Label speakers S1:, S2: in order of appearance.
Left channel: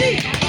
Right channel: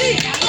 S1: Yeah.